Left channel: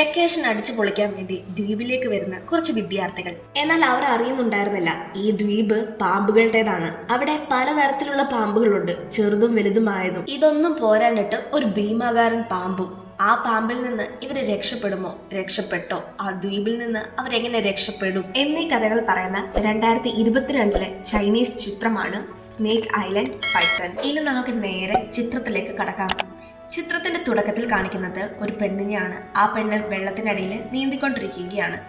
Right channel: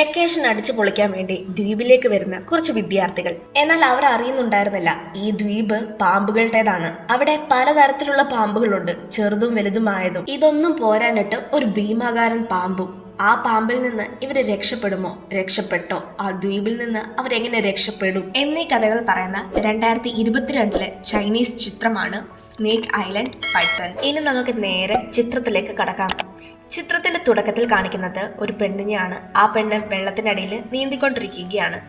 Vacation അടിച്ചു പൊളിക്കാൻ വേണ്ടി ദ്വീപിലേക്ക് വരുന്ന കുറച്ച് വിദ്യാർത്ഥികൾ. എന്നാൽ അവർ അറിയുന്നുണ്ടായിരുന്നില്ല ഈ ദ്വീപ് പാമ്പുകളുടേതാണ്. അവിടെ പലതരത്തിലുള്ള പാമ്പുകളുണ്ട്, ചെറുതും വലുതുമായതും. ഇതൊന്നും പോരാനിട്ട് ഒരു ഭീമാകാരൻ പാമ്പും. ആ പാമ്പിൽ നിന്ന് ഇവര് രക്ഷപ്പെടുമോ, രക്ഷപ്പെട്ടോ, ആ ദ്വീപിൽ നിന്ന് അവരെങ്ങനെ രക്ഷപ്പെടും എന്നീ കഥകൾ പറയുന്ന 2022 ചൈനീസ് ചിത്രമാണ് സ്നേക്ക് ഐലൻഡ് പൈത്തൺ. ഇനി നമുക്ക് നേരെ ചിത്രത്തിലേക്ക് കടക്കാം. ചിത്രത്തിന്റെ തുടക്കത്തിൽ കാണിക്കുന്നത് ഒരു പെണ്ണിനെയാണ്. ആ പെണ്ണ് വെള്ളത്തിനടിയിൽ നീന്തിക്കൊണ്ടിരിക്കുകയാണ്.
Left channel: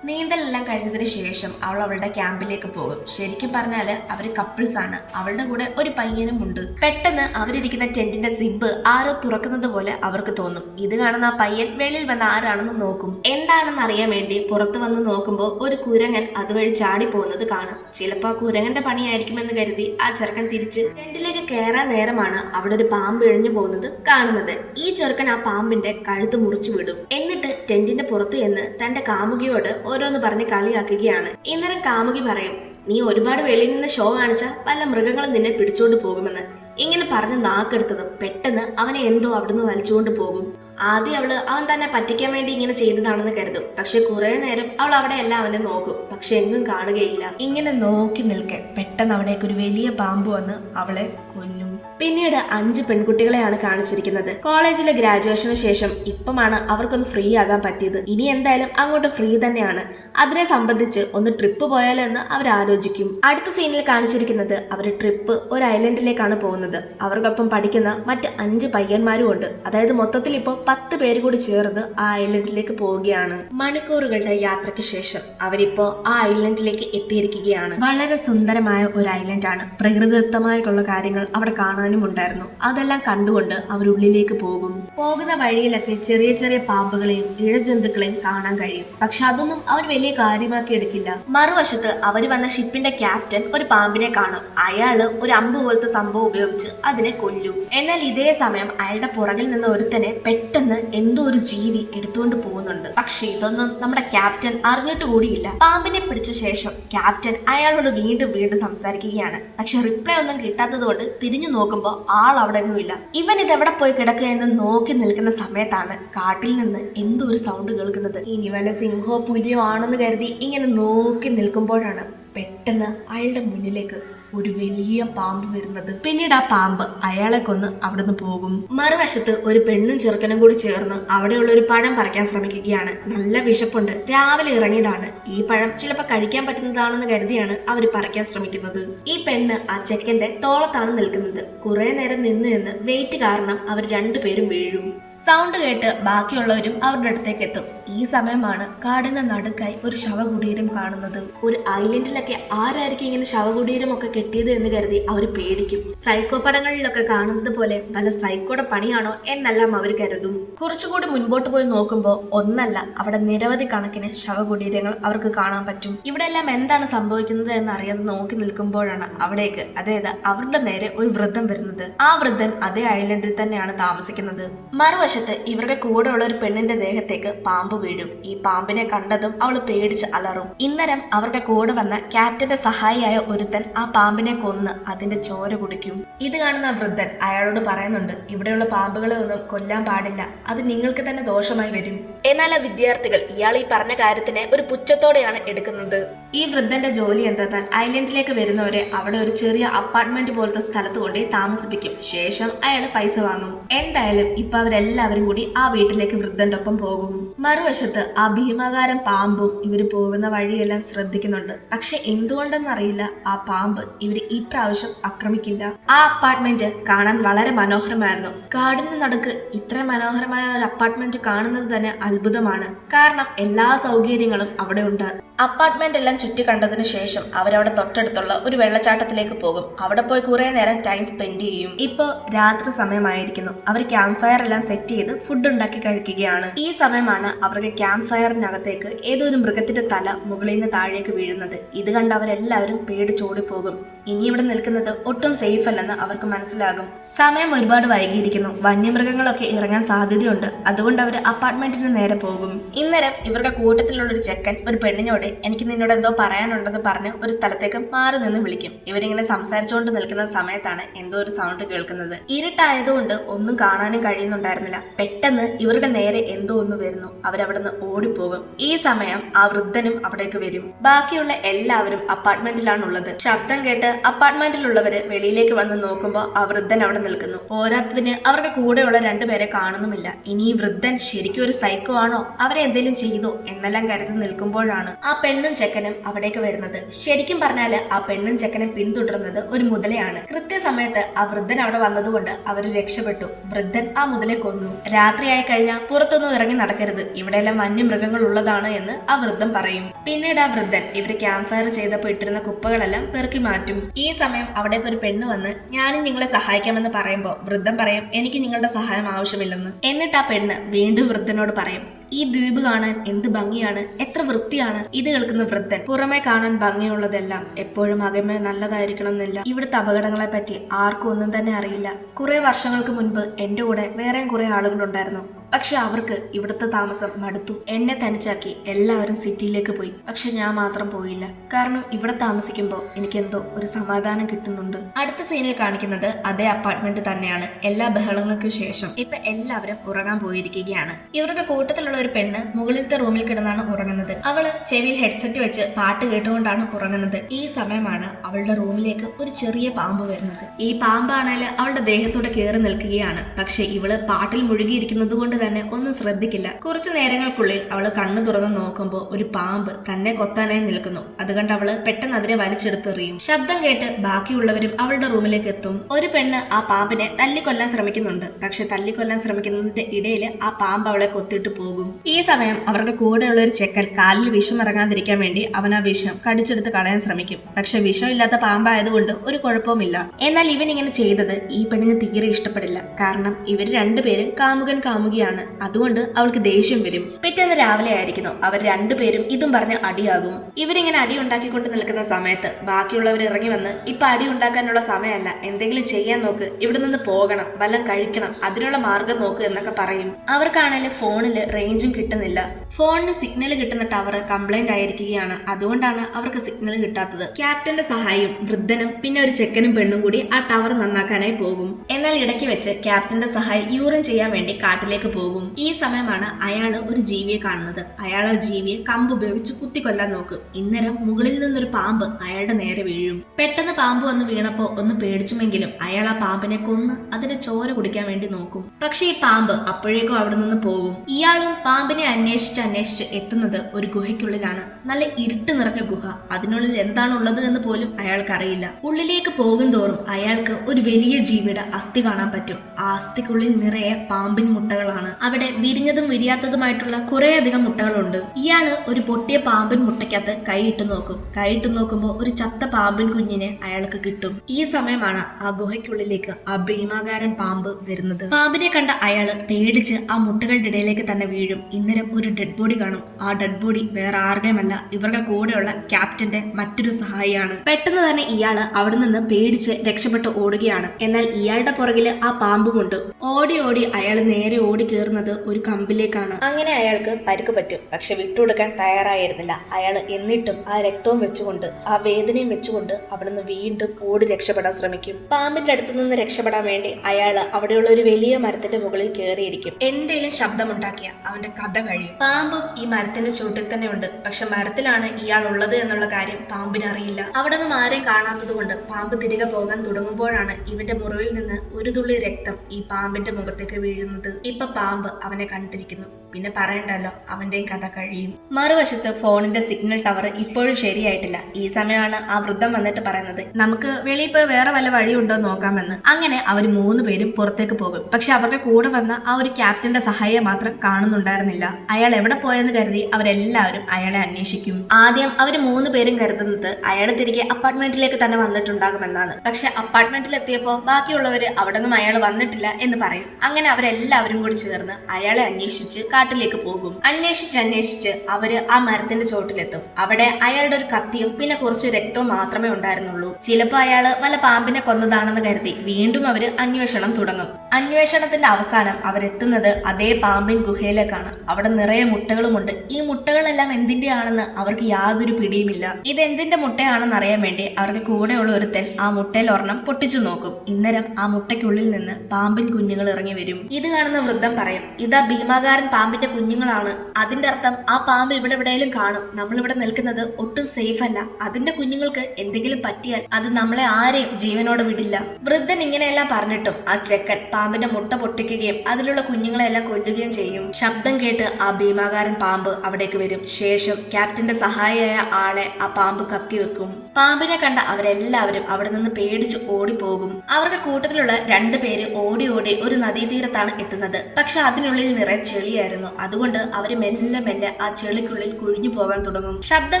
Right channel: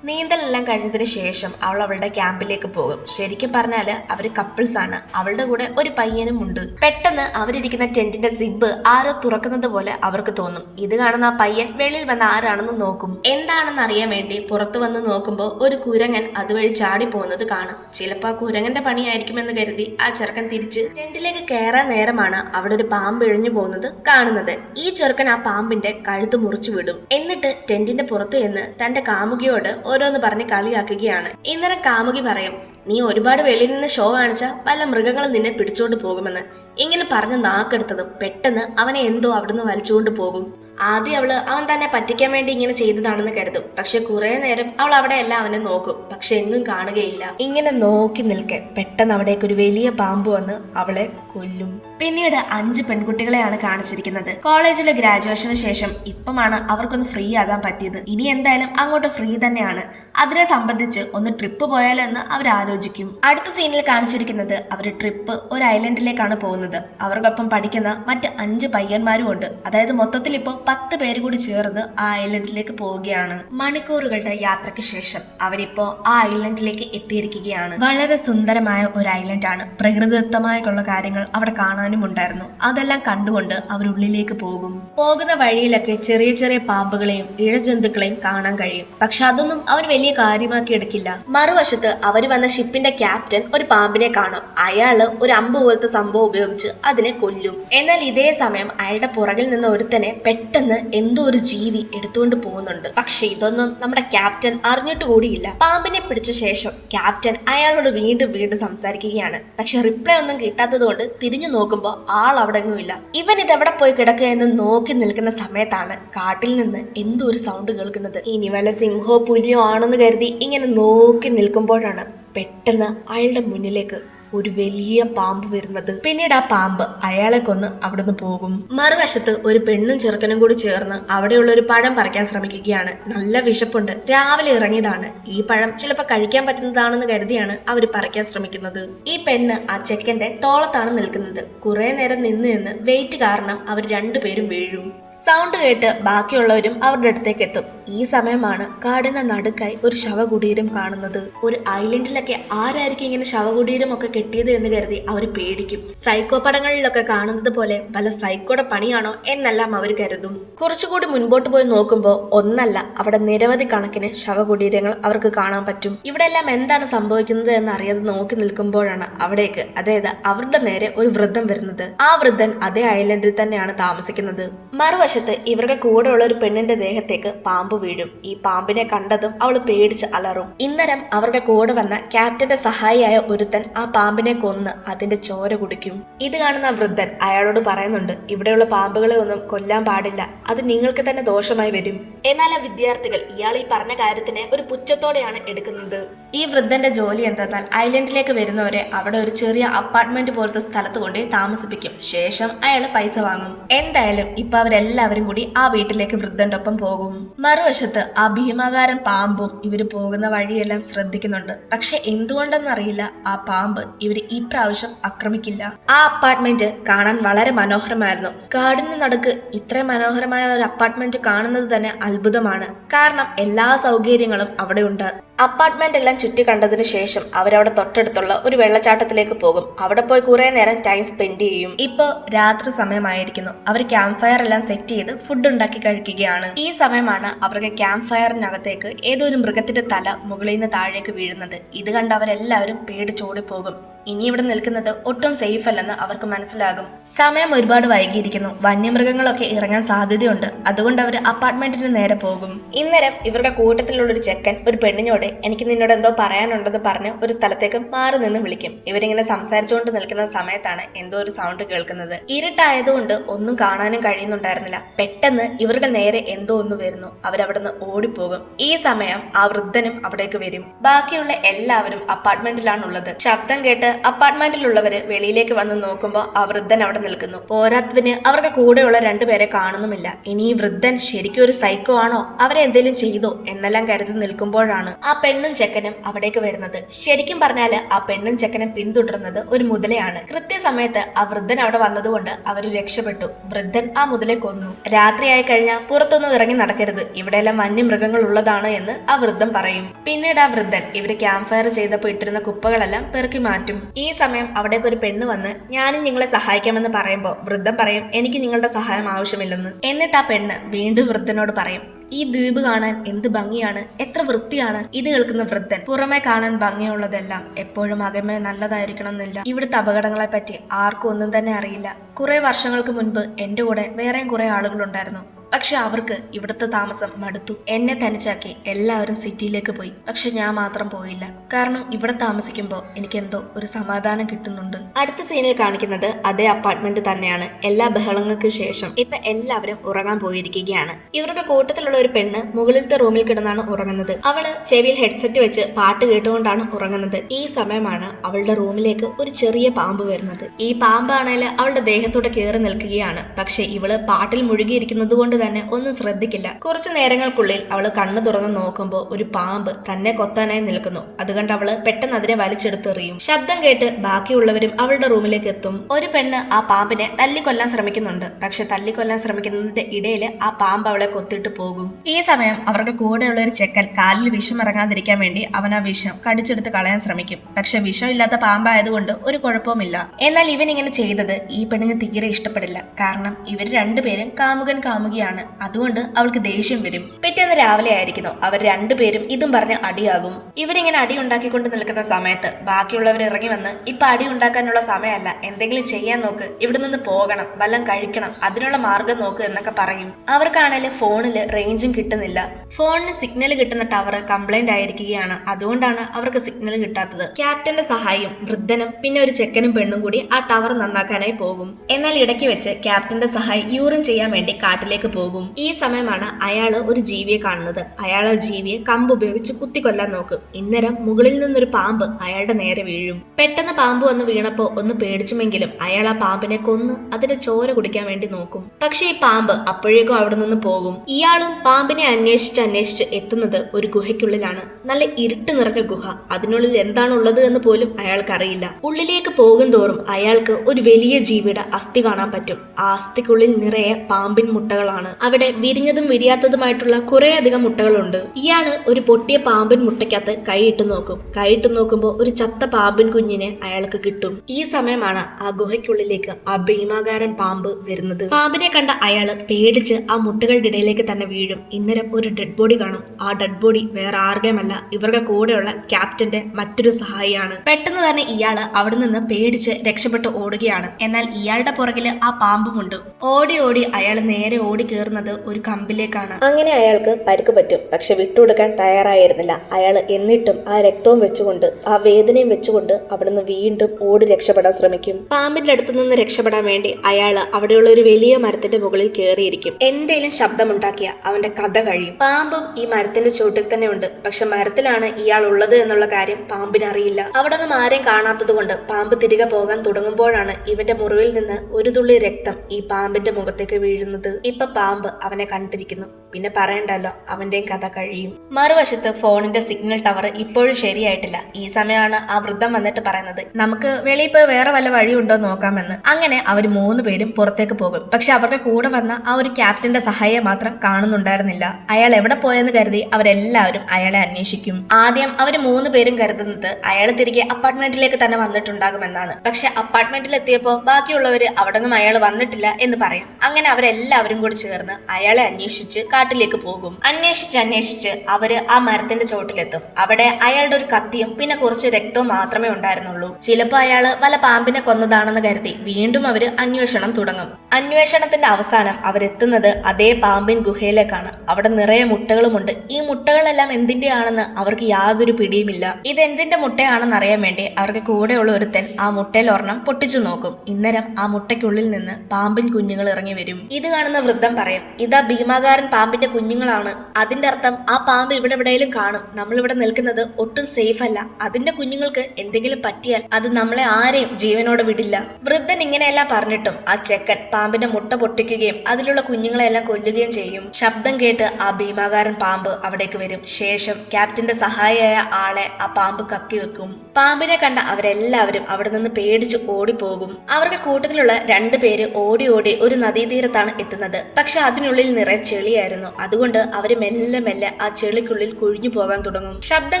നീന്തലെല്ലാം കഴിഞ്ഞതിന് ശേഷം അവൾ അവളുടെ ക്യാമ്പിലേക്ക് പോകും. ശരിക്കും പറഞ്ഞാല് അവര് കപ്പിൾസ് ആണ്. അവളുടെ കൂടെ ഒരു പയ്യനും ഉണ്ട്. പെട്ടെന്ന് അവരിരിക്കുന്ന ടെന്റിന്റെ സിബ് ആരോ തുറക്കുന്നത് പോലെ അവർക്ക് തോന്നും. ഇത് കാണുന്ന ആ പയ്യൻ വെളിയിൽ വന്ന് ആരാണെന്ന് നോക്കും. എന്താണെന്ന് അറിയാൻ വേണ്ടി പുറത്തു വന്ന് നോക്കുമ്പോൾ ഒരു കുരങ്ങൻ അതുവഴി ചാടി പോകുന്നത് കാണും. ചിലപ്പോൾ ആ കുരങ്ങന്റെ പണിയായിരിക്കുമെന്ന് കരുതി ആ ചെറുക്കൻ തിരിച്ച് ടെന്റിലേക്ക് കയറാൻ നേരമാണ് അവിടെ ഒരു പാമ്പ് ഇഴഞ്ഞു പോകുന്നത് കാണുന്നത്. ഈ ചെറുക്കൻ ആ പാമ്പിന്റെ കഴുത്ത് മുറിച്ചു വിടും. എന്നിട്ട് ടെന്റിന്റെ പുറത്ത് ചെന്ന് തന്റെ കാമുകിയോട് ഓരോന്ന് പറഞ്ഞ് കളിയാക്കുകയാണ്. ഇന്നരം കാമുകി പറയും, നീ ഒരുപാട് വെളിയിൽ നിന്ന് ഷോ കാണിച്ചാൽ പല മൃഗങ്ങളും നിന്നെ പിടിച്ചോണ്ട് പോകുമെന്ന്. ഇങ്ങനെ പറഞ്ഞ് നാക്കെടുത്തതും പെട്ടെന്ന് അവനെ എന്തോ അവിടുന്ന് വലിച്ചുകൊണ്ട് പോകും. ആദ്യം അവൻ തന്നെ പറ്റിക്കാൻ വേണ്ടി ഇങ്ങനെ ചെയ്തതാണെന്ന് കരുതും. പക്ഷെ കുറെ നേരം അവൾ അവിടെ എല്ലാം അവനെ നോക്കും, പക്ഷെ എങ്ങും കാണുകയില്ല. ഇങ്ങനെ നോക്കി നിൽക്കെ പെട്ടെന്ന് അവിടേക്ക് ഒരു വലിയ പാമ്പ് വന്ന് അവളെ കൊല്ലും. പിന്നീട് 5 പെൺകുട്ടികളെയാണ് കാണിച്ചിരിക്കുന്നത്. കോളേജിലെ ഗ്രാജുവേഷന് ശേഷം ഇപ്പമാണ് അവർക്കൊന്ന് ഫ്രീ ആകാൻ പറ്റിയത്. ഇനി എന്തായാലും അങ്ങോട്ട് ഫ്രീ തന്നെയാണ്. അതിനെ സംബന്ധിച്ച് ഒന്ന് ട്രിപ്പ് പോയാലോ എന്ന് അവർ ആലോചിക്കും. അടുത്ത സീനിൽ കാണിച്ചിരിക്കുന്നത് അവർ ട്രിപ്പ് ഒരു ഐലൻഡിലേക്കാണ് പോകുന്നത്. അവർക്കൊപ്പം പഠിക്കുന്ന മറ്റ് 5 പയ്യന്മാരും ഉണ്ട്. അതായത് മൊത്തത്തിൽ ഇപ്പോൾ 10 പേര് കൂടി ചേർന്ന് ആ ഐലൻഡിലേക്ക് പോവുകയാണ്. മണിക്കൂറുകളുടെ യാത്രയ്ക്ക് ശേഷം അവരിപ്പോ ആ ഐലൻഡിലേക്ക് എത്തിയിരിക്കുകയാണ്. വളരെ സുന്ദരമായ ഒരു ഐലൻഡാണ്. പ്രകൃതിദത്തമായിട്ടുള്ള കാര്യങ്ങൾ അവിടെ കാണാനും ഉണ്ടായിരുന്നു. അതെല്ലാം കണ്ടുകൊണ്ട് അവരുള്ളിലേക്ക് പോകും. പോകുന്ന വഴിയിലൊക്കെ ചെറിയ ചെറിയ പാമ്പുകളെയും ഇഴജന്തുക്കളെയും കാണാൻ കഴിയും. പക്ഷെ അതൊന്നും അവർ വലിയ കാര്യമാക്കി എടുക്കില്ല. മറുവശത്ത് അവർ വന്ന ഷിപ്പിന്റെ ക്യാപ്റ്റൻ ഒരു പാമ്പിനെ കാണും. അയാള് ഒരു അമ്പ് പോലത്തെ സംഭവം ഉപയോഗിച്ച് അതിനെ കൊല്ലും. എന്നാൽ ഇതേ സമയം അയാളുടെ പുറകിൽ നിന്ന് ഒരുത്തനെ പെട്ടെന്ന് എന്തോ ഒരു ജീവി എടുത്തുകൊണ്ട് പോകുന്നുണ്ട്. പക്ഷെ ഇതൊന്നും നമ്മുടെ ക്യാപ്റ്റൻ അറിഞ്ഞിട്ട് കൂടിയില്ല. പാമ്പിനെ പിടിച്ച ശേഷം ക്യാപ്റ്റൻ അയാളോട് വീണ്ടും സംസാരിക്കുകയാണ്. പക്ഷെ റിപ്ലൈ ഒന്നും കിട്ടാത്തത് കൊണ്ട് തിരിഞ്ഞു നോക്കുമ്പോൾ ആൾ അവിടെ ഒന്നുമില്ല. ഇവൻ ഇതെവിടെ പോയി കിടക്കുക എന്ന് നോക്കി നിൽക്കുന്ന സമയത്താണ് കാട്ടിൽ നിന്ന് എന്തോ ഒരു സൗണ്ട് കേൾക്കുന്നത്. ഇനി വല്ല സിംഹോ പുലിയോ ആണെന്ന് കരുതി ഇങ്ങനെ നോക്കി നിൽക്കുമ്പോഴാണ് പെട്ടെന്ന് അയാളുടെ മുന്നിലേക്ക് ഒരു വലിയ പാമ്പ് വരുന്നത്. പിന്നീട് ആ പാമ്പ് അയാളെ കൊന്ന് അവിടുന്ന് പോകും. മറുവശത്ത് ഒരു പെണ്ണും ചെറുക്കനും കൂടി ചേർന്ന് അവിടെയുള്ള ഒരു പഴം പറിക്കാൻ ശ്രമിക്കുകയാണ്. നല്ല വിശപ്പുണ്ട്, രാവിലെ ഇറങ്ങിയതാണ്. ഈ പഴം ചിലപ്പോൾ കഴിക്കാൻ പറ്റുന്നതാണെന്ന് കരുതിയാണ് അവർ പറിക്കാൻ ശ്രമിക്കുന്നത്. ഈ പെണ്ണ് ആ ചെക്കന്റെ തോളത്താണ് നിൽക്കുന്നത്. കുറെ നേരം നിന്ന് വെയിറ്റ് കാരണം അവർ 2 പേരും വീഴും. സൗണ്ട് കേട്ട് ബാക്കിയുള്ളവരും അവരുടെ അടുത്തേക്ക് എത്തും. ഈ സമയമാണ് കാടിന് നടുക്കായി ഒരു ശവകുടീരം കാണുന്നത്. ഒരു ഐലൻഡിലൊക്കെ ആരായിരിക്കും ഇങ്ങനെ ശവകുടീരം ഒക്കെ കെട്ടിയത് എന്ന് കരുതി അവർ പേടിക്കും. സൈക്കോ പടങ്ങളിലൊക്കെ കാണുന്നത് പോലെ പല സൈക്കോയുടെ പണിയാണോ എന്നെല്ലാം അവർ കരുതും. കുറച്ചുകൂടി മുൻപോട്ട് പോയി നോക്കുമ്പോൾ ഒന്നല്ല, അവിടെ നിരവധി കണക്കിന് ശവകുടീരങ്ങൾ അവർക്ക് കാണാൻ പറ്റും. ഇവിടെ എല്ലാം എന്താണ് സംഭവിക്കുന്നത് എന്ന് അറിയാതെ നോക്കി നിൽക്കുമ്പോഴാണ് അവിടേക്ക്, അതായത് അവരുടെ നേരെ ഒരു വൃദ്ധൻ വരുന്നത്. ആ വൃദ്ധൻ അതേ ഐലൻഡിൽ തന്നെയാണ് താമസിക്കുന്നത്. മറുവശത്ത് ഇവരുടെ കൂടെയുള്ള ഒരു പെണ്ണിന്റെ ദേഹത്തേക്ക് പാമ്പ് വീഴും. ഈ പാമ്പിനെ കണ്ടതും അവൾ പേടിച്ച് അലറും. ഇന്നരം അവരുടെ കൂടെ വന്ന ക്യാപ്റ്റന്റെ സഹായിയായ ഒരുത്തൻ ആ പാമ്പിനെ കൊന്ന് അതിന്റെ ചോര കുടിക്കും. ഇത് കാണുന്ന വൃദ്ധൻ അയാളോട് പറയുന്നുണ്ട്, ഇവിടെയുള്ള പാമ്പുകളെ ഒന്നും കൊല്ലാൻ പാടില്ല, അത് നിങ്ങൾക്ക് തന്നെ ദോഷമായി വരും. എന്നാൽ ആ വിദ്യാർത്ഥികൾ ഇയാൾ ഈ പറഞ്ഞ കാര്യത്തിനെ ഒരു പുച്ഛത്തോടെയാണ് എടുക്കുന്നത്. ഈ വൃദ്ധന്റെ ജോലി എന്തെന്നാൽ ഐലൻഡിലേക്ക് വരുന്നവരെ അവിടെ ഒരു ചെറിയ അപ്പാർട്ട്മെന്റ് പോലത്തെ സ്ഥലത്ത് കൊണ്ടേ താമസിപ്പിക്കും. ശേഷം അയാൾ പൈസ വാങ്ങും. എന്തായാലും ഇപ്പൊ അവരെല്ലാവരും കൂടി ആ വീട്ടിലേക്ക് വൃദ്ധന്റെ ഒപ്പം പോകും. മറുവശത്ത് ആ ഭീമാകാരൻ പാമ്പും ഇവര് പോകുന്ന വഴിയെല്ലാം ശ്രദ്ധിക്കുന്നുണ്ട്. പക്ഷെ എന്തുകൊണ്ടെന്നറിയില്ല ആ പാമ്പ് ഇവര് ഈ പ്രാവശ്യം ആക്രമിക്കില്ല. ആ അപ്പാർട്ട്മെന്റ് കാണാൻ വളരെ മനോഹരമായിരുന്നു. കാടിന് നടുക്ക് ഇത്രയും മനോഹരമായ ഒരു അപ്പാർട്ട്മെന്റ് കാണുന്നത് തന്നെ അത്ഭുതമാണ്. കാരണം എല്ലാ സൗകര്യങ്ങളും അവിടെ ഉണ്ട്. അപ്പാർട്ട്മെന്റ് എല്ലാം ചുറ്റി കണ്ടതിന് ശേഷം അവരവിടെ തൊട്ടടുത്തുള്ള ഒരു വെള്ളച്ചാട്ടത്തിലേക്ക് പോകും. അവിടെ പോയി കുറെ നേരം ടൈം സ്പെൻഡ് ചെയ്യും. ഇപ്പോ രാത്രി സമയമായിരിക്കുന്നു. അവർ ക്യാമ്പ് ഫയർ എല്ലാം സെറ്റ് ചെയ്ത് ഫുഡ് ഉണ്ടാക്കി കഴിക്കുകയാണ്. ഈ സമയമാണ് അവർക്ക് ക്യാമ്പ് ഫയറിനകത്തേക്ക് ഏതോ ഒരു മൃഗത്തിന്റെ തല മുകളിൽ നിന്ന് താഴേക്ക് വീഴുന്നത്. ഇത് കണ്ട് അവരെല്ലാവരും പേടിച്ചോടി പോകും. ഇനി ഇവിടെ നിൽക്കുന്നത് ഒട്ടും സേഫ് അല്ലെന്ന് അവർക്ക് മനസ്സിലാകും. സമയം ഒരുപാട് വൈകിയിരിക്കുന്നു. വന്യമൃഗങ്ങളൊക്കെ ഇറങ്ങാൻ സാധ്യതയുണ്ട്. അതുകൊണ്ട് അവർ അപ്പാർട്ട്മെന്റിന് നേരെ പോകും. ഇന്നേരം ഇവരുടെ കൂട്ടത്തിലുള്ള ഒരു ചെക്കൻ ഒരു പെണ്ണിനോട് വന്നിട്ടുണ്ട്, എനിക്ക് നിന്നോട് എന്തോ പറയാനുണ്ടെന്ന് പറഞ്ഞ് ഒരു സ്ഥലത്തേക്ക് മാറി നിന്ന് വിളിക്കും. ഇവരിങ്ങനെ സംസാരിച്ചുകൊണ്ട് നിൽക്കുന്ന സമയത്താണ് എന്തോ ഒരു സൗണ്ട് കേൾക്കുന്നത്. ഇരുട്ടായതുകൊണ്ട് ഒന്നും കാണാനും കഴിയുന്നുണ്ടായിരുന്നില്ല. പെട്ടെന്ന് ഇവരുടെ നേരെ എന്തോ ഒന്ന് വരുന്നു. അവരവിടുന്ന് ഓടിപ്പോകും. ഈ സമയം ആ വൃദ്ധനും അവിടേക്ക് വരും. ബാക്കിയുള്ള എല്ലാവരും അപ്പാർട്ട്മെന്റിലാണുള്ളത്. ശബ്ദം കേട്ട് അപ്പാർട്ട്മെന്റിലുള്ളവര് വെളിയിലേക്ക് വന്ന് നോക്കുമ്പോൾ ആ വൃദ്ധൻ അവിടെ നിൽക്കുന്നു. പോരാത്തതിന് അവരുടെ കൂടെയുള്ള രണ്ടുപേരെ കാണുന്നുമില്ല. ഇനി ഈ വൃദ്ധൻ ശരിക്കും ഒരു സൈക്കോ ആണോ, അവരെ എന്തെങ്കിലും ചെയ്തോ എന്നെല്ലാം കരുതി നിൽക്കുമ്പോഴാണ് ആ പെണ്ണും ചെക്കനും അവിടേക്ക് വരുന്നത്. ശരിക്കും പറഞ്ഞാല് ആ പെണ്ണും ചെക്കനും പിന്തുടരുന്നത് ഒരു മുതലയാണ്. കൃത്യസമയത്ത് ആ വൃദ്ധൻ അവിടെ വന്നതുകൊണ്ട് അവര് രക്ഷപ്പെട്ടു. വൃദ്ധൻ ആ മുതലെ കൊന്നു. രാത്രിയായി കഴിഞ്ഞാൽ പുറത്തൊന്നും ഇറങ്ങി നടക്കരുത്, ഇവിടെയെല്ലാം വന്യമൃഗങ്ങൾ ഉള്ളതാണ് എന്ന് ആ വൃദ്ധൻ പറയും. പിന്നീട് ആ വൃദ്ധൻ ഇവര് ക്യാമ്പ് ഫയർ ചെയ്തപ്പോൾ ഇട്ടിരുന്ന കുപ്പകളെല്ലാം പെറുക്കി മാറ്റും. ഈ സമയം അവിടേക്ക് ഒരു പെണ്ണ് വന്ന് ഞാനും നിങ്ങളെ സഹായിക്കാമെന്ന് പറയുമ്പോൾ വൃദ്ധൻ പറയും എനിക്ക് നിങ്ങളുടെ സഹായം ആവശ്യമില്ലെന്ന്. എന്നിട്ട് ആ പെണ്ണ് വീണ്ടും വൃദ്ധനോട് പറയും ഈ ദ്വീപ് കാണാൻ എന്ത് ഭംഗിയാണ്, എത്ര വൃത്തിയാണ്. ഇത് കേൾക്കുന്ന വൃദ്ധൻ പുറമെ കാണാൻ ഭംഗിയുള്ളതെല്ലാം എപ്പോഴും അകമേ നല്ലതായിരിക്കണം എന്നില്ല. ഇവിടുത്തെ അപകടങ്ങളെ പറ്റി ആർക്കും ഒന്നും തന്നെ അറിയില്ല. കുറെ വർഷങ്ങൾക്ക് മുൻപ് എന്റെ കൂടെ വേറെയും കുറെ ആളുകളുണ്ടായിരുന്നു. പക്ഷെ അവർക്ക് ഇവിടുത്തെ താമസം മടുത്തു. എന്നെ തനിച്ചാക്കി എല്ലാവരും സിറ്റിയിലേക്ക് പോയി. പക്ഷെ ഞാൻ മാത്രം പോയില്ല. കാരണം ഇവിടെ താമസിക്കുമ്പോൾ എനിക്കെന്തോ ഒരു സമാധാനം കിട്ടുന്നുണ്ട്. അടുത്ത സീനിൽ കാണിക്കുന്നത് അതേ അപ്പാർട്ട്മെന്റ് തന്നെയാണ്. എല്ലാ ബഹളങ്ങൾക്ക് ശേഷം ഇപ്പൊ എല്ലാവരും ഉറങ്ങാൻ പോയിരിക്കുകയാണ്. ഇവരുടെ കൂട്ടത്തിലുള്ള ഒരു പെണ്ണ് മുകളിലത്തെ റൂമിൽ കിടന്നാണ് ഉറങ്ങുന്നത്. അവള് ചെവിയിൽ ഹെഡ്സെറ്റ് വെച്ച് പാട്ട് കേട്ടുകൊണ്ടാണ് ഉറങ്ങുന്നത്. ഈ സമയമാണ് അവളുടെ റൂമിലേക്ക് ഒരു ചെറിയ പാമ്പ് വരുന്നത്. ഈ പാമ്പാണെങ്കിൽ അവളുടെ ദേഹത്തൂടെ കയറി നിൽക്കുകയാണ്. പക്ഷെ ഇവള് പാട്ടിൽ മുഴുകിയിരിക്കുന്നത് കൊണ്ട് തന്നെ ഒന്നും ശ്രദ്ധിക്കില്ല. കുറച്ചു നേരങ്ങൾക്കുള്ളിൽ അവള് കണ്ണു തുറന്ന് നോക്കുമ്പോൾ ഒരു പാമ്പ് തന്നെ കൊത്താനായി നിൽക്കുന്നു. അതുകൊണ്ട് അവള് പെട്ടെന്ന് അതിനെ വലിച്ചെടുത്തെറിയും. ശബ്ദം കേട്ട് ബാക്കിയുള്ളവരും അവളുടെ റൂമിലേക്ക് എത്തും. ഒരു പെണ്ണ് ആ പാമ്പിനെ തല്ലിക്കൊല്ലാൻ ശ്രമിക്കുന്നുണ്ട്. പക്ഷെ തല്ലിക്കൊല്ലാൻ ശ്രമിക്കുന്നതിന്റെ ഇടയിൽ ആ പാമ്പ് അവളെ കൊത്തിട്ട് പോകും. ഈ സമയം അവർക്ക് കൂടെയുള്ള ഒരു ചെക്കൻ കാലിൽ വിഷം ഇറങ്ങാതിരിക്കാൻ വേണ്ടി അവൻ ആ വിഷം കടിച്ചെടുത്ത് കളയാൻ ശ്രമിക്കും. പക്ഷെ വിഷമില്ലാത്ത പാമ്പായതുകൊണ്ട് ഒരു കുഴപ്പമില്ല. എന്നാൽ ഇവൻ ഇങ്ങനെ ചെയ്തത് ഈ പെണ്ണിന് തീരെ ഇഷ്ടപ്പെടില്ല. കാരണം ഇവർ രണ്ടുപേരും കാമുകൻ കാമുകിയാണ്. അതുകൊണ്ട് അവൾക്ക് ദേഷ്യം വരും. പിറ്റേന്ന് രാവിലെ ആയിരിക്കുന്നു. അവർ രണ്ടുപേരും ഇതും പറഞ്ഞ് അടിയാകും. ഇവരിങ്ങനെ അടി ഉണ്ടാക്കിക്കൊണ്ട് നിൽക്കുന്ന സമയത്ത് ബാക്കിയുള്ളവർ ഇറങ്ങി വന്ന് ഇപ്പൊ അടി ഉണ്ടാക്കാനുള്ള സമയമല്ല, എന്തെങ്കിലും ചെയ്യാൻ നോക്ക്, ഇവിടെ നിന്ന് പോകണം, വല്ലം കഴിക്കണം, അതിനുള്ള മാർഗം നോക്ക് എന്നൊക്കെ പറയും. അവർക്കാണെങ്കിൽ ഫോണില് റേഞ്ചും കിട്ടുന്നില്ല. ഫോണിന് സിഗ്നൽ കിട്ടുന്ന ടവർ കംപ്ലൈന്റ് ആയിരിക്കുകയാണ്. അതുകൊണ്ടാണ് അവർക്ക് സിഗ്നൽ കിട്ടാത്തത്. ക്യാപ്റ്റന്റെ സഹായം വൃദ്ധനും പിന്നെ ഒരു ചെക്കനും പെണ്ണും കൂടി ആ ടവർ നന്നാക്കാനായി പോകും. എന്നാൽ ഇടയ്ക്ക് വെച്ച് ക്യാപ്റ്റന്റെ സഹായം യൂറിൻ ചെയ്യാൻ വേണ്ടി കാട്ടിലേക്ക് പോകും. ഈ സമയമാണ് അയാള് ഒരു ജീവിയെ കാണുന്നത്. അയാൾ ആ ജീവിയെ കമ്പ് ഉപയോഗിച്ച് കുത്തിക്കൊല്ലാൻ നോക്കും. ഇന്നേരം മുകളിൽ നിന്നൊരു പാമ്പ് അയാളുടെ നേരെ വീഴും. പെട്ടെന്ന് പാമ്പ് വന്ന് വീണപ്പോ ഒന്ന് പേടിച്ചുമെങ്കിലും അയാൾ ആ പാമ്പിനെ കൊന്ന് അതിന്റെ ചോര കുടിക്കാൻ വേണ്ടി നോക്കും. പക്ഷെ ഈ പാമ്പ് അപ്പോഴേക്കും അവിടെ നിന്ന് പോകും. ഇയാളും പാമ്പിനെ അന്വേഷിച്ച് എത്തുന്നത് ഒരു ഗുഹയ്ക്കുള്ളിലാണ്. നല്ല ഇരുട്ട് നിറഞ്ഞ ഗുഹ. അതിനുള്ളിൽ എന്താണുള്ളത് എന്ന് പോലും അയാൾക്കറിയില്ല. ഉള്ളിലേക്ക് പോകും തോറും അയാൾക്ക് ഒരു വലിയ ജീവിയുടെ അസ്ഥി കാണാൻ പറ്റും. ആ അസ്ഥിക്കുള്ളിൽ നിറയെ പാമ്പിൻ മുട്ടകളാണ്. അവിടെ വിരിഞ്ഞതും വിരിയാത്തതുമായിട്ടുള്ള കുറെ അധികം മുട്ടകളുണ്ട്. ഇയാള് ഒരു പൊട്ടിയ പാമ്പിൻ മുട്ടയ്ക്കകത്ത് കൈയിട്ട് നോക്കും. കൈയിട്ട് നോക്കുമ്പോൾ ഒരു ചത്ത പാമ്പിൻ കുഞ്ഞിനെ അയാൾക്ക് കിട്ടും. ഈ സമയമാണ് ആ ഗുഹയ്ക്കുള്ളിലേക്ക് ആ ഭീമാകാരൻ പാമ്പ് വരുന്നത്. പാമ്പിനെ കണ്ട അയാള് പേടിച്ച് ആ മുട്ടകളുടെ ഇടയിലേക്ക് തന്നെ വീഴും. ഇന്നരം ഒരു ഡെഡ് ബോഡി കാണും. ആ ഡെഡ് ബോഡി വേറെ ആരുടെയുമല്ല, ഇവരുടെ കൂടെയുള്ള ക്യാപ്റ്റന്റെ മറ്റൊരു സഹായിയാണ്. പെട്ടെന്ന് തന്നെ ഇയാള് അവിടെ നിന്ന് പേടിച്ച് രക്ഷപ്പെട്ട് ഓടുകയാണ്. എന്നാൽ ഇയാളുടെ പുറകില് ആ പാമ്പുമുണ്ട്. ഓടി ഓടി അയാൾ നേരെ ഓടി കയറുന്നത് ഒരു കമ്പിലേക്കാണ്. അങ്ങനെ അയാൾക്ക് പരിക്ക് പറ്റും. പക്ഷെ വിട്ടുകൊടുക്കാൻ തയ്യാറായിരുന്നില്ല അയാൾ. എന്നിട്ടും ആ രക്തവും വെച്ചുകൊണ്ട് ആ വേദനയും വെച്ചുകൊണ്ട് അവിടുന്ന് വീണ്ടും ഓടി രക്ഷപ്പെടാൻ ശ്രമിക്കും. പാമ്പിന്റെ അടുത്ത് നിന്ന് രക്ഷപ്പെടാൻ വേണ്ടി അയാൾ അവിടെയുള്ള ഒരു വലിയ മരത്തിന്റെ മുകളിൽ കയറിയിരിക്കും. എന്തേലും ശബ്ദമുണ്ടാക്കിയ അവന്റെ കഥ കഴിയും. പാമ്പും ഈ മരത്തിന്റെ ചുവട്ടിൽ തന്നെ ഉണ്ട്. പക്ഷെ മരത്തിലാണ് ഇയാൾ ഉള്ളത് എന്നുള്ള കാര്യം പാമ്പിന് അറിയില്ല. അവിടെ ഒന്നും ആരെയും കാണാത്തത് കൊണ്ട് പാമ്പ് തിരികെ പോകാൻ തുടങ്ങുമ്പോഴാണ് ഇവന്റെ മുറിവിൽ നിന്ന് ഒരു തുള്ളി രക്തം ഈ പാമ്പിന്റെ മുഖത്തേക്ക് വീഴുന്നത്. ഇപ്പൊ പാമ്പ് അവനെ കണ്ടിരിക്കുന്നു. പിന്നെ പറയണ്ടല്ലോ, അവന്റെയും കഥ കഴിയും. മറുവശത്ത് ഫോണിന്റെ സിഗ്നൽ ടവർ ഇപ്പോഴും ശരിയായിട്ടില്ല. ഈ സമയമാണ് ആ വൃദ്ധം വന്നിട്ട് പറയുന്നത് നമുക്ക് വെളിയിൽ പോയി വേറെ വല്ല വഴിയുണ്ടോ നോക്കാമെന്ന്. അങ്ങനെ അവർ 3 പേരും പുറത്തേക്ക് പോകും. പക്ഷെ അവരുടെ കൂടെ വന്ന ആ ഒരു ക്യാപ്റ്റന്റെ സഹായം മാത്രം കാണുന്നുണ്ടായിരുന്നില്ല. അയാൾ എവിടെ പോയെന്ന് കരുതി അവരെല്ലാവരും അയാളെ അന്വേഷിക്കും. ആദ്യം അവർ 3 പേരും കരുതുന്നത് അയാൾ തിരികെ അപ്പാർട്ട്മെന്റിലേക്ക് തന്നെ വന്നിട്ടുണ്ടാകുമെന്നാണ്. പക്ഷെ അപ്പാർട്ട്മെന്റിൽ എത്തിയപ്പോൾ ബാക്കിയുള്ളവര് അവിടെങ്ങും അയാൾ വന്നിട്ടില്ല എന്ന് പറയും. അങ്ങനെ അവരെല്ലാവരും കൂടി ചേർന്ന് അയാളെ അന്വേഷിച്ച് കാട്ടിലേക്ക് പോകും. അന്വേഷിച്ച് അവര് ആ മരത്തിന്റെ ചോട്ടിലെത്തും. അവിടെ അയാളുടെ ഒരു കത്തിയും പിന്നെ കുറച്ച് രക്തവും മാത്രമേ ഉണ്ടായിരുന്നുള്ളൂ. ചിലപ്പോൾ അയാള് വല്ല പാമ്പിനെ കൊന്നതാണെന്ന് കരുതി വീണ്ടും അവര് അന്വേഷണം തുടങ്ങും. അന്വേഷണത്തിന്റെ അവസാനം അവരെത്തുന്നത് അതേ പാമ്പിൻ ഗുഹയിലേക്കാണ്. അവിടെ നിറയെ മുട്ടകളുമുണ്ട്. ഈ മുട്ടകളെല്ലാം എന്തിന്റെയാണെന്ന് അവർക്ക് യാതൊരു പിടിയുമില്ല. ഇതെന്തിന്റെ മുട്ടയാണെന്ന് അറിയാൻ വേണ്ടി അവർക്ക് കൂടെയുള്ള ഒരുത്തൻ ആ മുട്ടയിൽ ഒരെണ്ണം പൊട്ടിച്ചു നോക്കും. ഇന്നേരം ആ മുട്ടയ്ക്കുള്ളിൽ നിന്ന് പാമ്പിൻ കുഞ്ഞുങ്ങൾ ഇറങ്ങി വരും. ഇത് കാണുന്ന വൃദ്ധൻ പറയും, ഇതാ ഭീമാകാരൻ പാമ്പിന്റെ കുഞ്ഞുങ്ങളാണ്. അതിന്റെ അർത്ഥം ആ പാമ്പ് ഇവിടെ എവിടെയെങ്കിലും കാണും. നമ്മളിവിടെ നിൽക്കുന്നത് ഒട്ടും സേഫ് അല്ല. അതിന്റെ കുഞ്ഞുങ്ങൾക്ക് എന്തെങ്കിലും പറ്റിയാൽ അത് നമ്മളെ ആരെയും ജീവനോടെ വിടില്ല. വൃദ്ധൻ ഇങ്ങനെയെല്ലാം പറഞ്ഞിട്ടും ആ ചെക്കൻ പാമ്പിന്റെ മുട്ട പൊട്ടിക്കുകയും അതിലുള്ള കുഞ്ഞുങ്ങളെല്ലാം കൊല്ലുകയും ചെയ്യും. ശബ്ദം കേട്ട് ആ ഭീമാകാരൻ പാമ്പ് അവിടേക്ക് വരും. ശേഷം ക്യാപ്റ്റന്റെ സഹായിയായ ആളെ ആ പാമ്പ് കക്കി വെക്കും. പാമ്പിനെ കണ്ട അവരെല്ലാവരും അവിടെ നിന്ന് പേടിച്ച് ഓടിപ്പോകും. അവരുടെ കൂട്ടത്തിലുള്ള 2 പേര് ഓടി ഒരു നദീതീരത്താണ് എത്തുന്നത്. പക്ഷെ അതിനുള്ളിൽ നിറയെ ചെളിയായിരുന്നു. അതുകൊണ്ട് അവര് മെല്ലെ ആ ചെളിക്കുള്ളിൽ കുഴിഞ്ഞു പോകാൻ തുടങ്ങും. ശബ്ദം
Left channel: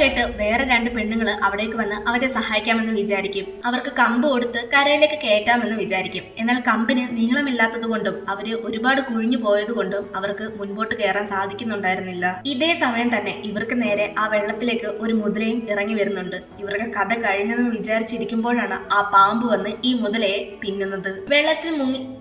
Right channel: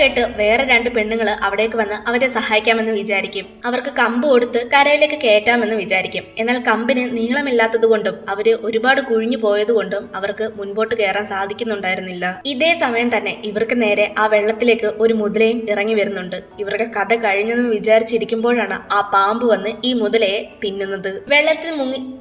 കേട്ട് വേറെ 2 പെണ്ണുങ്ങള് അവിടേക്ക് വന്ന് അവരെ സഹായിക്കാമെന്ന് വിചാരിക്കും. അവർക്ക് കമ്പ് കൊടുത്ത് കരയിലേക്ക് കയറ്റാമെന്ന് വിചാരിക്കും. എന്നാൽ കമ്പിന് നീളമില്ലാത്തത് കൊണ്ടും അവര് ഒരുപാട് കുഴിഞ്ഞു പോയതുകൊണ്ടും അവർക്ക് മുൻപോട്ട് കയറാൻ സാധിക്കുന്നുണ്ടായിരുന്നില്ല. ഇതേ സമയം തന്നെ ഇവർക്ക് നേരെ ആ വെള്ളത്തിലേക്ക് ഒരു മുതലയും ഇറങ്ങി വരുന്നുണ്ട്. ഇവരുടെ കഥ കഴിഞ്ഞെന്ന് വിചാരിച്ചിരിക്കുമ്പോഴാണ് ആ പാമ്പ് വന്ന് ഈ മുതലയെ തിന്നുന്നത്.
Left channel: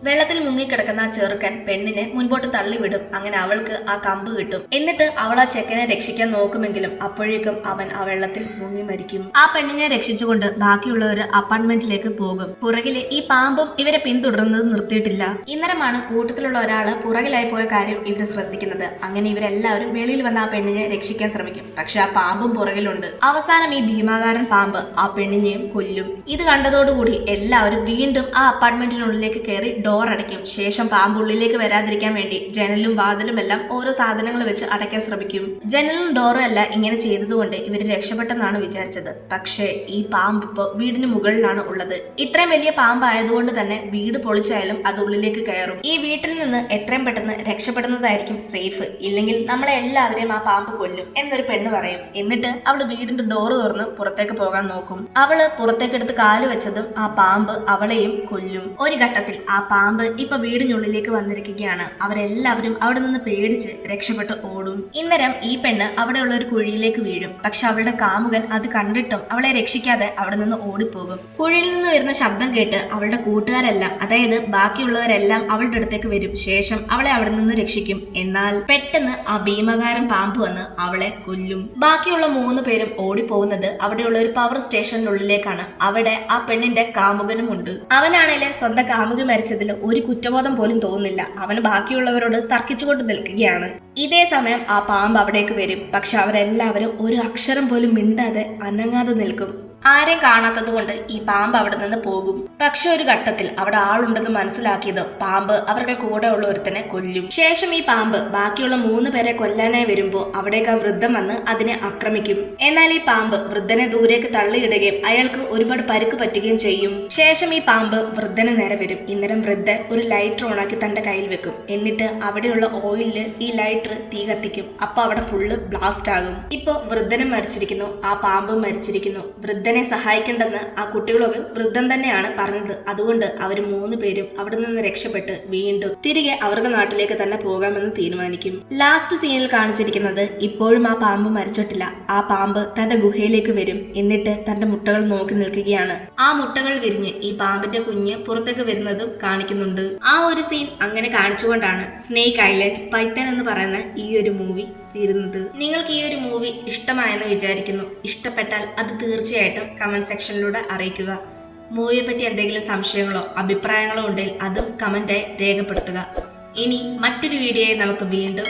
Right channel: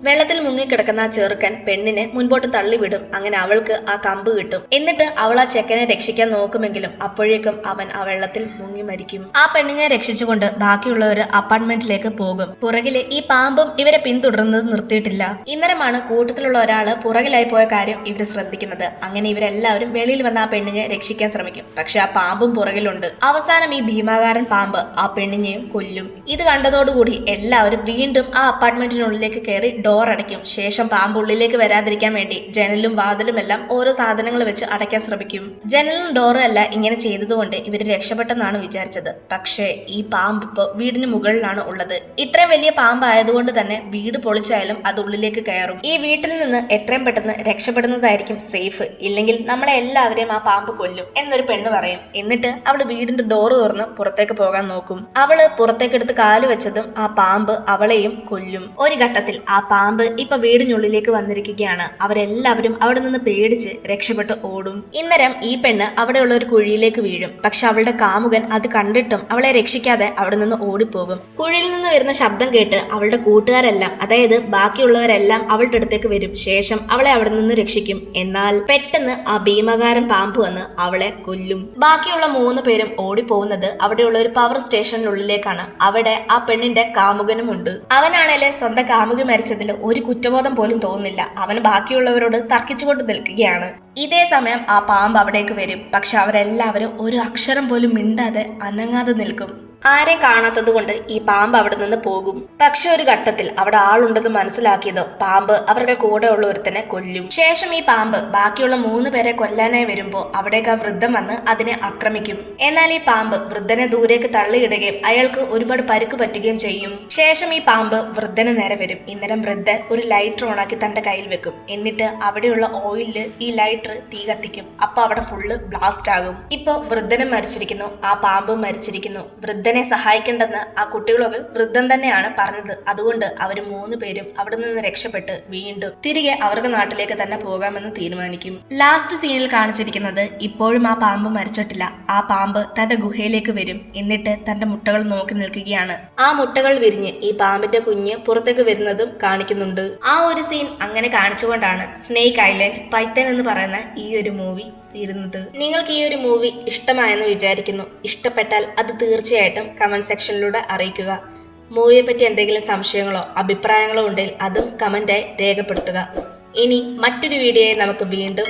വെള്ളത്തിൽ മുങ്ങിക്കിടക്കുന്ന ആ ചെറുക്കൻ പെണ്ണിനെ മുൻപോട്ട് തള്ളിവിടും. അങ്ങനെ അവൾക്ക് ആ കമ്പ് കിട്ടും. എന്നിട്ട് അവൾ ആ ചെക്കനെ രക്ഷിക്കാൻ നോക്കുമെങ്കിലും അപ്പോഴേക്കും അവൻ ആ വെള്ളത്തിൽ മുങ്ങി മരിക്കും. ആ പെണ്ണിനെ രക്ഷിച്ചുകൊണ്ട് ബാക്കിയുള്ളവര് അപ്പാർട്ട്മെന്റിലേക്ക് പോകും. പുറകില് ഈ പാമ്പും ഇവരെ പിന്തുടർന്നത് നിർത്തിയിട്ടില്ല. ഇന്നരമാണ് കൂട്ടത്തിലുള്ള ഒരാള് പുറകിലായി പോയ കാര്യം ഇവര് ശ്രദ്ധിക്കുന്നത്. അങ്ങനെ ഇവരെല്ലാവരും വെളിയിൽ വന്ന ആ പെണ്ണിനെ രക്ഷിക്കാൻ ശ്രമിക്കും. പക്ഷെ ആ പാമ്പും പുറകിലുണ്ട്. അവസാനം ഈ ഭീമാകാരൻ പാമ്പ് ആ പെണ്ണിനെയും കൊല്ലും. ഇത് കണ്ടതോടുകൂടി എല്ലാവരും വീണ്ടും ആ അപ്പാർട്ട്മെന്റിനുള്ളിലേക്ക് കയറി ഡോർ അടയ്ക്കും. ശേഷം പാമ്പ് ഉള്ളിലേക്ക് വരാതിരിക്കാൻ വേണ്ടി ജനലും വാതിലും എല്ലാം ഓരോ സാധനങ്ങൾ വെച്ച് അടയ്ക്കാൻ ശ്രമിക്കും. ജനലും ഡോറും എല്ലാം ഇങ്ങനെ ചെയ്തതുകൊണ്ട് ഇവര് രക്ഷപ്പെട്ടെന്നാണ് വിചാരിച്ചത്. പക്ഷേ ഈ പാമ്പ് ഇപ്പോൾ വീടിന് മുകളിലാണ് ഉള്ളത്. ഇത്രയും വലിയ പാമ്പ് ആയതുകൊണ്ട് തന്നെ വീട് പൊളിച്ചായാലും അത് ഉള്ളിലേക്ക് കയറും. ഈ വീട്ടിൽ നിന്ന് എത്രയും പെട്ടെന്ന് രക്ഷപ്പെടുന്നതായിരിക്കും സേഫ്. ഇല്ലെങ്കിൽ നമ്മളെ എല്ലാവരെയും ആ പാമ്പ് കൊല്ലും എന്നൊരു പെണ്ണ് പറയും. എന്നിട്ട് അവള് വീടിന്റെ ഡോറ് തുറന്ന് പുറത്തേക്ക് പോകാൻ നോക്കും. അവള് പുറത്തേക്കെടുത്ത് കാല് വെച്ചതും ആ പാമ്പ് അവളെയും കൊല്ലും. ഒരു ഘട്ടത്തിൽ ആ പാമ്പ് ഇപ്പൊ വീടിനുള്ളിലേക്ക് വന്നിരിക്കുകയാണ്. അവരെല്ലാവരും അവിടെ നിന്ന് പേടിച്ച് രക്ഷപ്പെട്ട് ഓടും. ഇന്നേരം ഈ പെണ്ണ് അവിടെയുള്ള ഒരു കുഴിയിലേക്ക് വീഴും. പക്ഷെ അവളുടെ കാമുകൻ അത് കണ്ടിട്ടും അവളെ രക്ഷിക്കാതെ അവിടെ നിന്ന് ഓടിപ്പോകും. കുഴിയിൽ നിന്ന് വരുന്ന ശബ്ദം കേട്ട് അവളുടെ കൂട്ടുകാരെല്ലാം, അതായത് ബാക്കിയുള്ളവരെല്ലാം അവളുടെ അടുത്തേക്ക് വരും. ശേഷം അവളെ അവിടെ നിന്ന് രക്ഷിക്കും. എന്നാൽ പെട്ടെന്ന് ആ ഭീമകാരൻ പാമ്പ് വന്ന് അവളെ കൊല്ലും. ബാക്കിയുള്ള 3 പേരും ഓടിപ്പോകുന്നത് അവിടെയുള്ള ഒരു പവർ സ്റ്റേഷനുള്ളിലേക്കാണ്. അവിടെ ആ പെണ്ണിന്റെ കാമുകനും ഉണ്ട്. അവനാണേല് സ്വന്തം കാമുകി മരിച്ചതിൽ ഒരു കുറ്റബോധം പോലും തോന്നുന്നില്ല. അവന് ബാക്കിയുള്ളവരോട് തർക്കിച്ചുകൊണ്ട് നിൽക്കുകയാണ്. ഇതേ സമയം ആ പാമ്പ് അവിടേക്ക് വരും. പക്ഷെ അവരെല്ലാവരും ഒരു അക്ഷരം പോലും മിണ്ടാതെ അനങ്ങാതെ നിൽക്കും. ആരെ കാണാത്തത് കൊണ്ട് ഈ പാമ്പ് അവിടെ നിന്ന് പോകും. പക്ഷെ ഒരു ഘട്ടത്തിൽ അവിടെ ആളുണ്ടെന്ന് മനസ്സിലാക്കിയത് പാമ്പ് അവരുടെ കൂടെ ഉള്ള ഒരുത്തനെ കൊല്ലും. ശേഷം ഈ പാമ്പ് ബാക്കിയുള്ള 3 പേരെ കൊല്ലാനായി വരുമ്പോൾ അവിടേക്ക് ആ വൃദ്ധൻ വന്ന് അതിനെ ആക്രമിക്കും. എന്നാൽ ഈ പാമ്പ് വൃദ്ധനെ ദൂരേക്ക് തള്ളിയിടുകയും അയാൾക്ക് ഒരുപാട് പരിക്ക് പറ്റുകയും ചെയ്യും. ശേഷം ഈ പാമ്പ് വൃദ്ധന് നേരെ വരും. ഇന്നേരം വൃദ്ധൻ ഒരു ലൈറ്റർ ഓണാക്കി തന്റെ കയ്യിൽ വെക്കും. എന്നിട്ട് അവിടെയുള്ള ഓയിലില് ഈ ലൈറ്റർ തീ കത്തിക്കും. അപ്പൊ അവിടെ ഫുള്ള് ബ്ലാസ്റ്റ് ആകും. ഇപ്പൊ വൃദ്ധനും മരിച്ചിരിക്കുന്നു, ആ പാമ്പും മരിച്ചിരിക്കുന്നു. വൃദ്ധനെ സഹായിക്കേണ്ടെന്ന് ആ കുട്ടികളൊക്കെ വൃദ്ധൻ തന്നെയാണ് പറഞ്ഞത്. അതുകൊണ്ട് അവർ 3 പേരും അവിടെ നിന്ന് രക്ഷപ്പെട്ട് വീണ്ടും തിരികെ അവരുടെ നാട്ടിലേക്ക് തന്നെ പോകാമെന്ന് തീരുമാനിക്കും. ലാസ്റ്റ് സീനിൽ കാണിച്ചിരിക്കുന്നത് ഇപ്പോഴും ആ പാമ്പ് മരിച്ചിട്ടില്ല. ആ പാമ്പ് തന്റെ ഗുഹയിലേക്ക് വരും. എന്നിട്ട് തന്റെ മുട്ടകൾ നോക്കി നിൽക്കുകയാണ്. ആ മുട്ടകൾ വിരിഞ്ഞ് ഈ പാമ്പിന്റെ കുഞ്ഞ് പുറത്തേക്ക് വരുന്നതും കാണിക്കുന്നുണ്ട്. ആ ഒരു സീൻ അങ്ങനെ കാണിച്ചുകൊണ്ടാണ് സ്നേക്ക് ഐലൻഡ് പൈത്തൻ എന്ന് പറയുന്ന ഈ ഒരു മൂവി തീരുന്നത്. നിങ്ങൾക്ക് ഈ ഒരു മൂവി ഇഷ്ടമായെന്ന് വിചാരിക്കുന്നു. ഇഷ്ടപ്പെട്ടാൽ അത് തീർച്ചയായിട്ടും കമന്റ് സെക്ഷനിലൂടെ അറിയിക്കുക. മൂവിയെ പറ്റി എന്തെങ്കിലും സംശയങ്ങളോ അഭിപ്രായങ്ങളോ ഉണ്ടെങ്കിൽ അതും കമന്റായി രേഖപ്പെടുത്തുക. ഇനി മറ്റൊരു വീഡിയോയിൽ നമുക്ക് വീണ്ടും